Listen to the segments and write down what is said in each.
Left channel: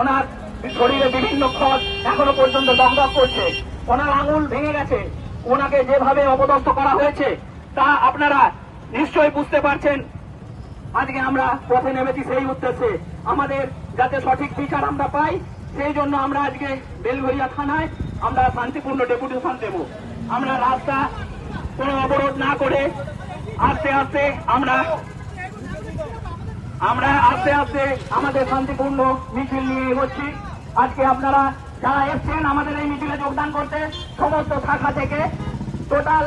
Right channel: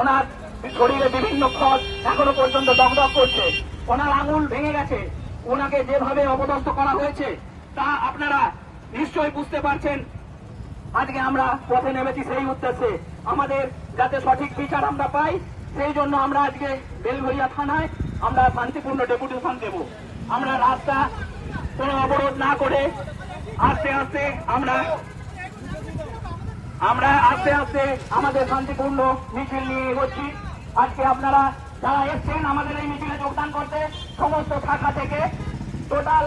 ওনার শরীরে বিভিন্ন ক্ষত এখনো পর্যন্ত দগদগ করছে, ওনার আঙুল ভেঙে গেছে, ওনাকে যেভাবে অপদস্থ করা হয়েছে তা আপনারা নিশ্চয়ই বুঝতে পারছেন। আজকে আমরা পথে নেমেছি সেই উদ্দেশ্যে, আমাদের যাতে সঠিক বিচার আমরা পাই, সেই জন্য আমরা আজকে বেলঘরিয়া থানায় আমরা শান্তিপূর্ণ ডেপুটেশন দেব। আমরা রাস্তা কোনো অবরোধ না করে আস্তে আস্তে আমাদের শান্তিপূর্ণ মিছিল নিয়ে এগোচ্ছি। আজকে আপনারা যারা এসছেন আমাদের এই মিছিলে যোগদান করতে, সমস্ত শাখা থেকে টোটাল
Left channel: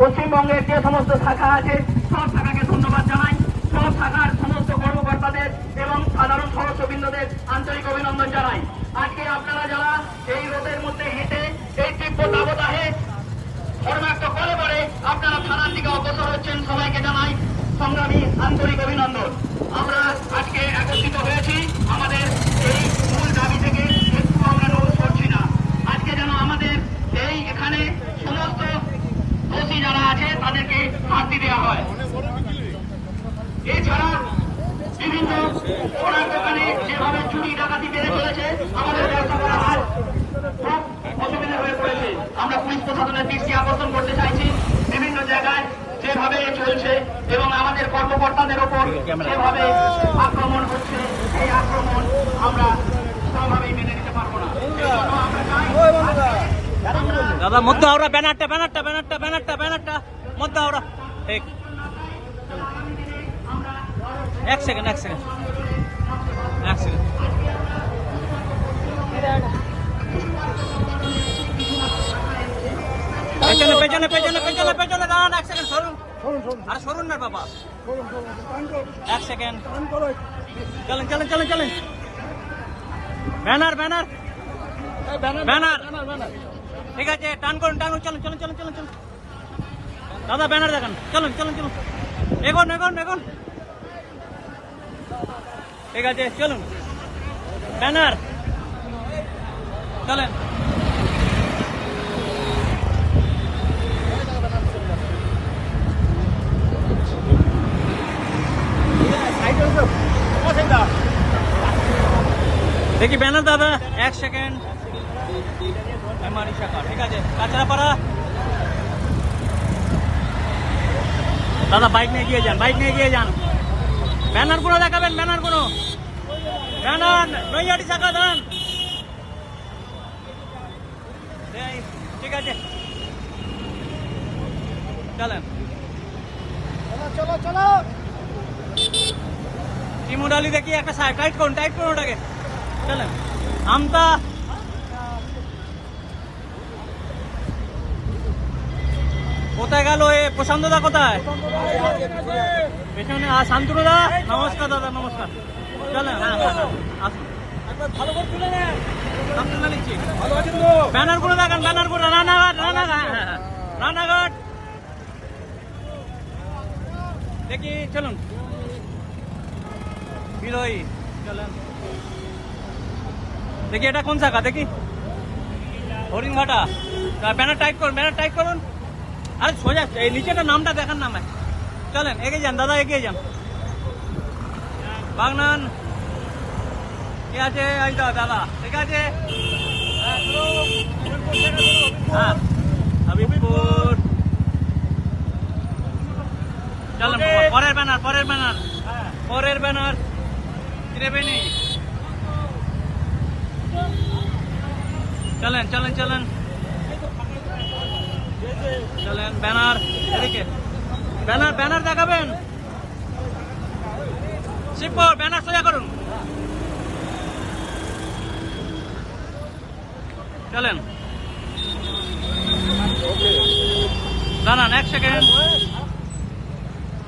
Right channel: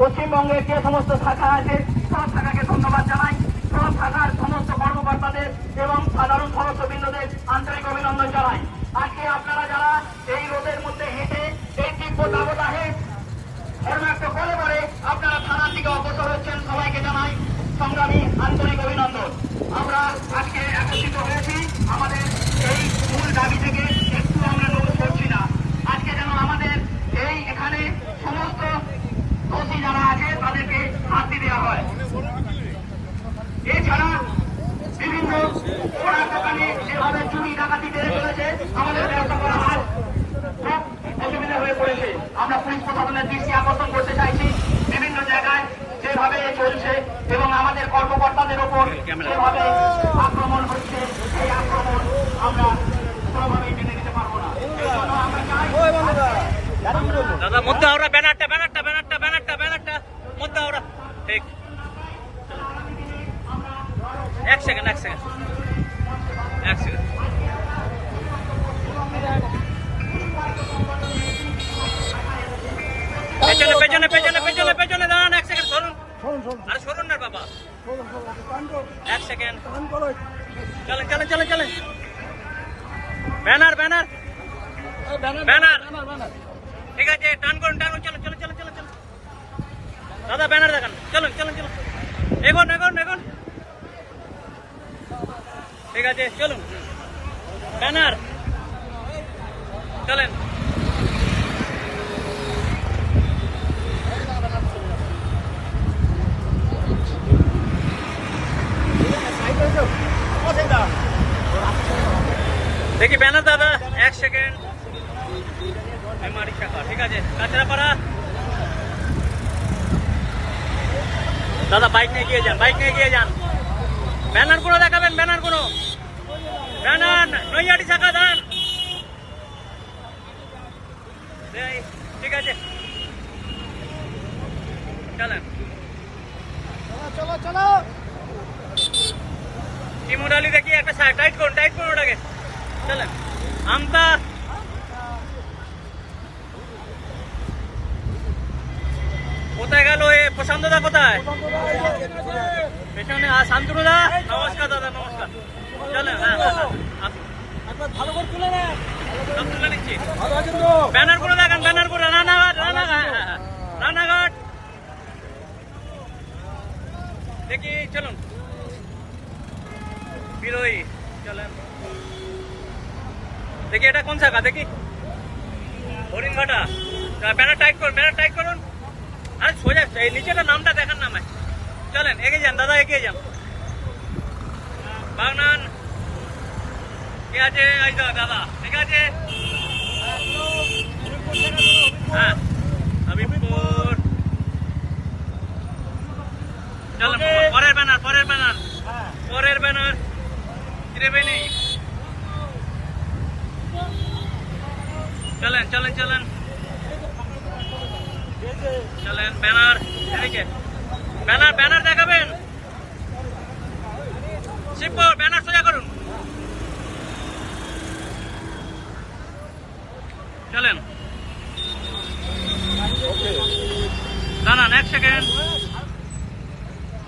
পশ্চিমবঙ্গের যে সমস্ত শাখা আছে সব শাখাকে ধন্যবাদ জানাই। সব শাখার সমস্ত কর্মকর্তাদের এবং সাধারণ সদস্যবৃন্দদের আন্তরিক অভিনন্দন জানাই। আজকে আপনারা যারা এই রোদের মধ্যে হেঁটে এই তীব্র দাবদাহে ধর্মাক্ত করে পরে আপনারা থানার দিকে অগ্রসর হচ্ছেন, সবাইকে জানাই সংগ্রামী আন্তরিক অভিনন্দন। আমরা আজকে একত্রিত হয়েছি আমাদের এই মূল দাবি থেকে একটু আমরা নড়ে সরছি না। আজকে যেন আমাদের এই এখানে সমস্ত দোষী যারা আছে তাদেরকে শাস্তি দেওয়া হয়। এছাড়া বিভিন্ন ওনার দোকানে যেভাবে চুরি ডাকাতি বেড়ে চলেছে, আমাদের ব্যবসা করা আজ খুব অসুবিধা হয়ে পড়েছে। আমরা পুলিশ প্রশাসনের দৃষ্টি আকর্ষণ করতে চাইছি, বিভিন্ন জায়গায় যেভাবে চলছে এবং আমাদের কর্মকর্তাদের ওপর যেভাবে আক্রমণ হচ্ছে, সেই আক্রমণ আমরা কোনোভাবেই মেনে নিতে পারবো না। দাদা মধ্যে আমরা ব্যানারটা মধ্যে আমরা এক সেকেন্ড পেছনে দাঁড়ান, এক সেকেন্ড সরুন না বাবা, এক সেকেন্ড চলেন ব্যানার ঠিক আছে, টান করুন চলুন দাদা ব্যানার দেখান, চলুন এগোন ঠিক আছে, চলুন ব্যানার চলেন। দেখি ব্যানার দাদা, এক সেকেন্ড ঠিক আছে, কাঁচরাপাড়া দাদা বাইক নিয়ে গিয়ে যান, ব্যানার গুলো দেখাবেন, ব্যানার নৈয়াটি শাখা দান, ঠিক আছে চলো ইমুরালি দেখি একটা টাইট করুন ওটাকে, চলেন আমরা কোথায় গেল এ প্রশান্তদা কোথায়? আর শান্তনুদা, নমস্কার দাদা, নমস্কার। চলেন ভালো করে তুলে নিচ্ছি, ব্যানার গুলো দেখান, রানাঘাট দেখি, চলুন বিরোহী, চলেন দেখি এটা কোন জায়গা দেখি, হরিণঘাটা, ব্যানার টাইট করুন আর সোজা এই নিচে নামটা দেখান না ভাই, চলেন এগিয়ে যান দাদা, এগিয়ে যান বাগনান, ঠিক আছে এই তো দাদা, ঠিক আছে হ্যাঁ হাবিবপুর, চলেন পরের ব্যানার ত্রিবেণী, চলেন ব্যানার দেখাবেন, শিবপুর ব্যানার সোজা করুন, চলেন দাঁড়ান এক সেকেন্ড,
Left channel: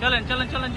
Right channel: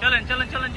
চলেন